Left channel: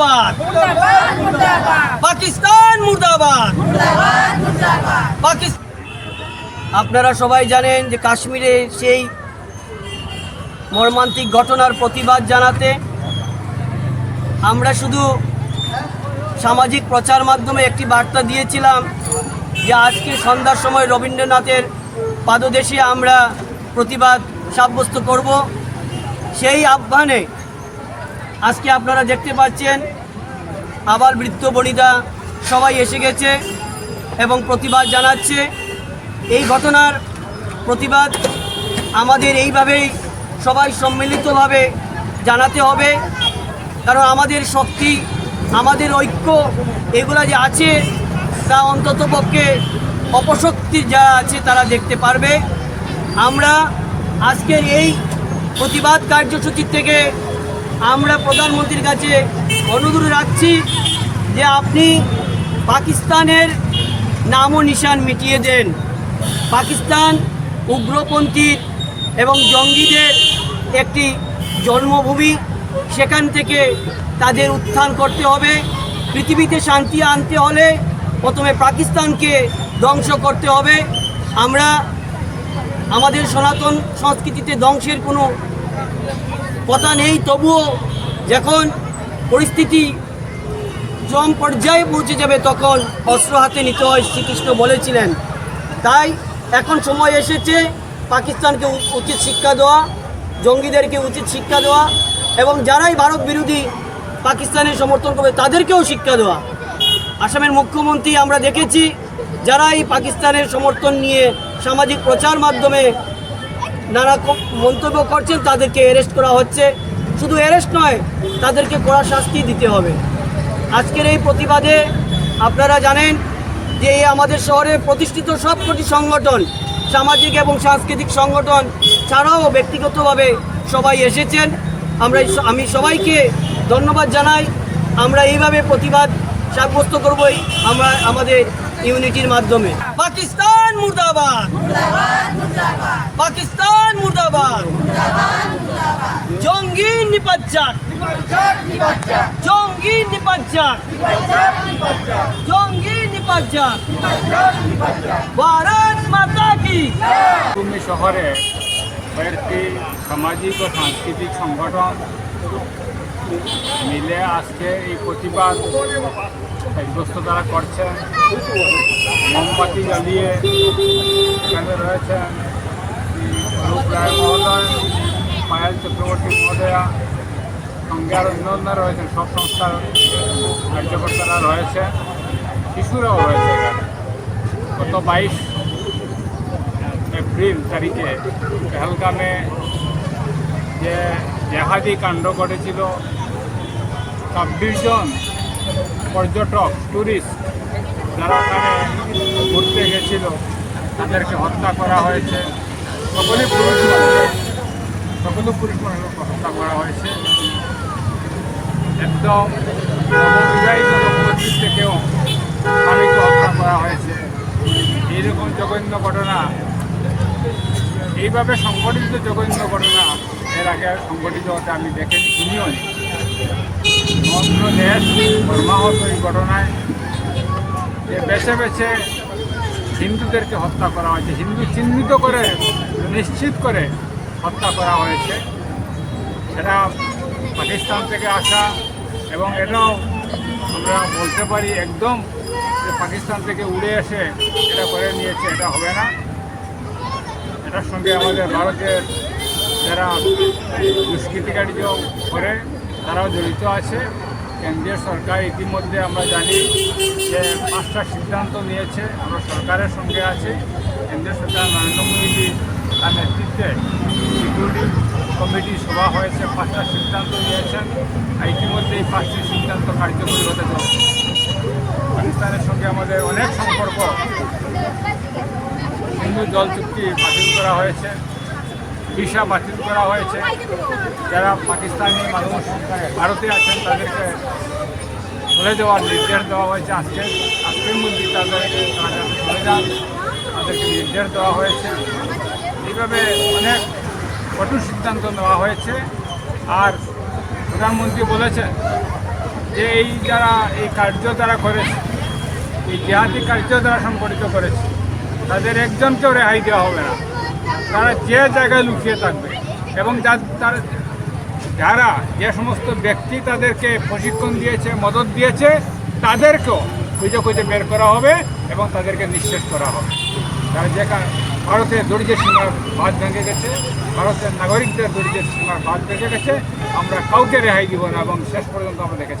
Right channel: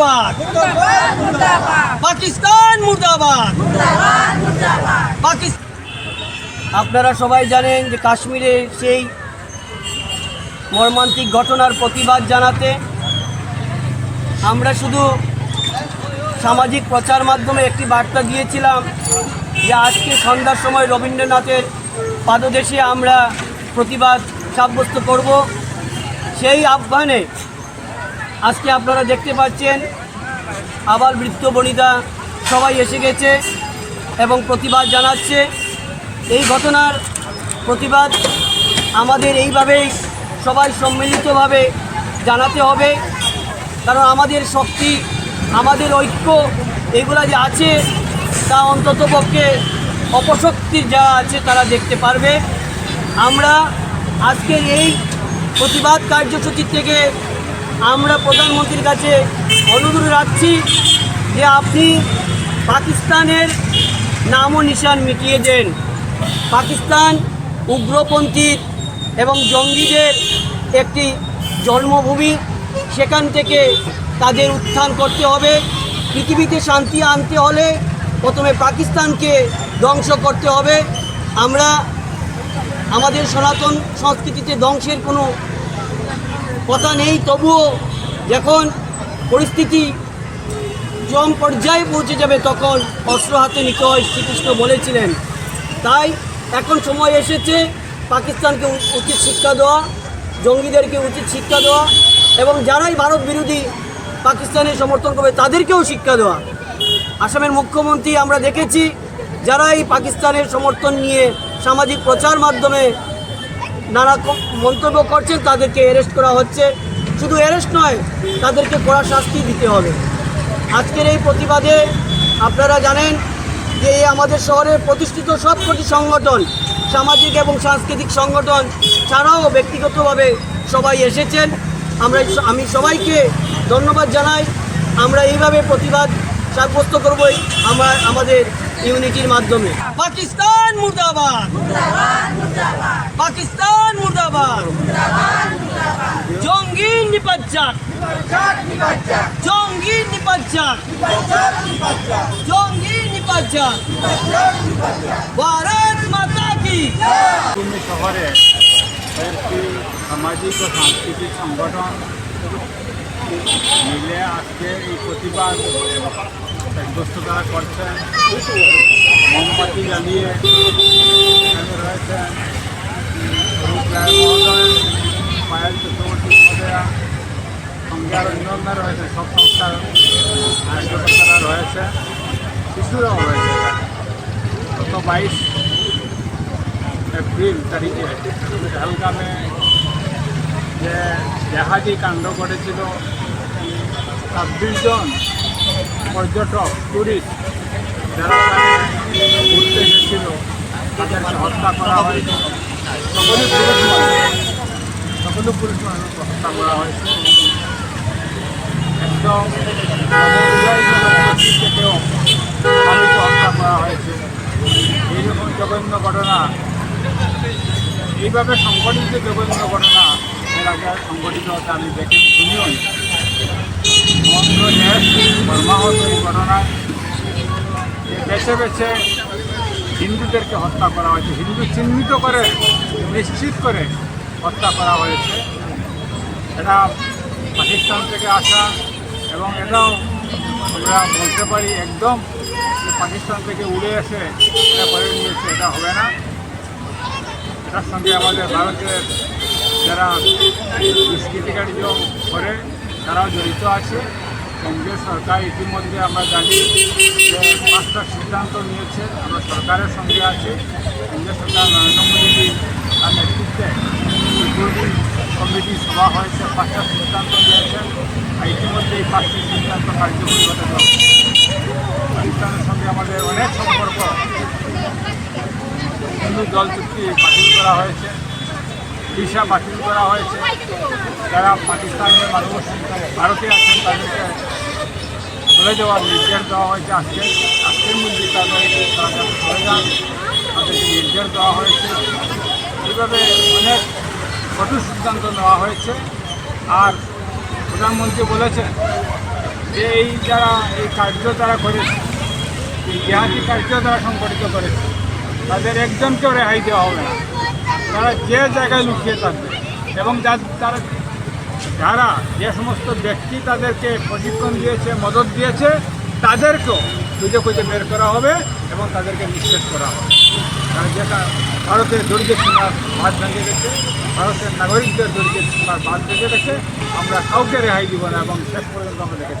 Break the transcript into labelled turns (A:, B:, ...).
A: মুর্দাবাদ। পাকিস্তান মুর্দাবাদ। পাকিস্তান আপনারা সবাই জানেন যে কাশ্মীরে সেই মর্মান্তিক ঘটনার প্রতিবাদ জানাতে আমরা শুধু সামাজিক প্রচার মাধ্যমে একটি বার্তা দিয়েছিলাম যে আজকে সন্ধ্যার সময় রবীন্দ্রনাথের পাদদেশে আমরা প্রতিবাদ সাব্যস্ত করব। সেই আহ্বানে আজকে আপনারা দেখতে পাচ্ছেন আবার বৃত্ত বনিতা সবাই এসে গেছে এবং প্রতিবাদ জানাচ্ছে। এই ঘটনার প্রতিবাদ আমাদের এইভাবেই সবাই সম্মিলিতভাবে জানাতে হবে। কারণ আমাদের শক্তি, আমাদের ঐক্য এগুলা যে আছে তা অন্তত পক্ষে অপশক্তি যা আছে তারা দেখতে পারবে। আমরা আজকের এই প্রতিবাদ কার্যসূচি থেকে আমরা প্রধানমন্ত্রীর কাছে অনুরোধ রাখছি যে আপনি পাকিস্তানের নাম ও নিশান মিটিয়ে দেন। পাকিস্তান উগ্রপন্থীর এবং জঙ্গিদের একটি জন্মভূমি, সেখান থেকে তাদের উত্থান করতে হবে। পৃথিবীতে শান্তি আনতে হলে প্রথমে পাকিস্তানকে ধ্বংস করতে হবে। আমরা আমাদের সনাতন সংস্কৃতিতে ধ্বংসের কোনো কথা নেই তবুও যখন পরিস্থিতি চরম পর্যায়ে পৌঁছে যাবে তখন অস্ত্র হাতে নিতে হয় শ্রীকৃষ্ণ বলেছিলেন তাই এখন সময় এসেছে পাকিস্তানকে উচিত শিক্ষা দেওয়া জঙ্গিদেরকে উচিত শিক্ষা দেওয়া এবং যারাই ভারত বিরোধী পাকিস্তানের সমর্থন করবে, তাদেরকেও শিক্ষা দেওয়া। আসামের মুখ্যমন্ত্রী আমরা দেখেছি যারা এই পাকিস্তানের সমর্থন নিয়ে সামাজিক প্রচার মাধ্যমে নানা মন্তব্য করছেন, তাদেরকে অ্যারেস্ট করা হচ্ছে। শুধু অ্যারেস্ট নয়, তাদেরকে কড়া শাস্তি দিতে হবে। আজকের এই প্রতিবাদে আপনারা জানেন যে আমাদের শহরে প্রতিষ্ঠিত সব সবকটি সংগঠন, সামাজিক এবং সাংস্কৃতিক সংগঠন ছাড়াও ব্যক্তিগতভাবে সবাই এসেছেন। আমরা আমি সবাইকে ধন্যবাদ জানাই। আমরা এইভাবে প্রতিবাদ সাব্যস্ত করবই। আমরা আমাদের ইউনিটির মাধ্যমে। পাকিস্তান মুর্দাবাদ। পাকিস্তান মুর্দাবাদ। জঙ্গি নিপাজ্জাক জঙ্গি নিপাজ্জাক জঙ্গি নিপাজ্জাক ভারত মাতা কি?
B: তুমি শহরে কয়েকটি সামাজিক ও সাংস্কৃতিক সংগঠন মিলে আজকে এই প্রতিবাদ সাব্যস্ত তারা করছেন। মোমবাতি জ্বালিয়ে এখানে রয়েছেন রূপ রায় মহোদয়, পায়েল চক্রবর্তী মহোদয়া, সঙ্গে আর অন্যান্য রয়েছে সব সংস্থার কার্যকর্তারা রয়েছে শিশুরাও রয়েছে গত বাইশ এপ্রিল তারিখে পহলগামে যে জাহাজি কাণ্ড ঘটেছিল ছাব্বিশ জন পর্যটক ট্যুরিস্ট যারা ঘুরতে গেছিল, তাদেরকে হত্যা করা হয়েছে। সকলেই পুরুষ মানুষ। সকলে পুরুষ মানুষকে হত্যা করা হয়েছে। একদম থেকেও স্বামীকে হত্যা করা হয়েছে। এইরকম জঘন্য ঘটনা। এইভাবে সংগঠিত জঘন্য ঘটনা, এর আগে সংগঠিত হতে আমি দেখে শুনিও। ঘটনায় বেছে বেছে হিন্দুদেরকে হত্যা করা হয়েছে, হিন্দু চিহ্নিত করে, নিশ্চিত করে হত্যা করা হয়েছে। এরা পাকিস্তান থেকে আসা এবং এটাও আমরা বলতে পারি একদম যে পাকিস্তান থেকে উড়ে এসে এটা করে নিয়েছে, এটা হবে না। এটার সঙ্গে আমাদের ভারতের যারা দুষ্কৃতিকারী করে তারাও জড়িত আছে। কেন্দ্রীয় সরকার ইতিমধ্যে আমরা জানি যে পাঁচটা সিদ্ধান্ত নিয়েছে। আমরা সরকারের সঙ্গে আছি। কেন্দ্রীয় সরকার নরেন্দ্র মোদী তার নেতৃত্বে কমিটি সভা হয়েছে। পাঁচটা সিদ্ধান্ত নিয়েছেন আর ইতিমধ্যে এই পাঁচটি সিদ্ধান্ত কার্যকরী হতে চলেছে। পাকিস্তানের সঙ্গে আমাদের অনেক সম্পর্ক। হিন্দু জল চুক্তি বাতিল করা হয়েছে। ভিসা বাতিল করা হয়েছে। যারা পাকিস্তানি মানুষ, ভারতে আছেন, তাদেরকে চলে যাওয়ার নির্দেশ দেওয়া হয়েছে আজকে। আজকের মধ্যে তাদের তারা যাতে চলে যান, তাদেরকে নির্দেশ দেওয়া হয়েছে। এইভাবে অনেক কঠোর সিদ্ধান্ত নেওয়া হয়েছে। আর প্রধানমন্ত্রী বলেছেন যে এই যারা এই কার্য তারা করেছে, এই জিহাদি কার্য তারা সংগঠিত করেছে, তাদের একজনকেও রেহাই দেওয়া হবে না। তারা যে জায়গায় লুকিয়ে থাকবে এবং যা তারা যারা যে সমস্ত ব্যক্তি তাদেরকে প্রশিক্ষণ দিয়েছে, মদত দিয়েছে, তাদেরকেও খুঁজে খুঁজে বের করা হবে এবং তাদেরকে নিঃশেষ করা হবে। তারা যে ভারতের দরিদ্র সীমার বাদ ভেঙে গেছে, ভারতের নাগরিকদের দরিদ্র সীমার বাদ ভেঙে গেছে, আমরা কাউকে রেহাই দিব না এবং শেষ পর্যন্ত আমরা দেখে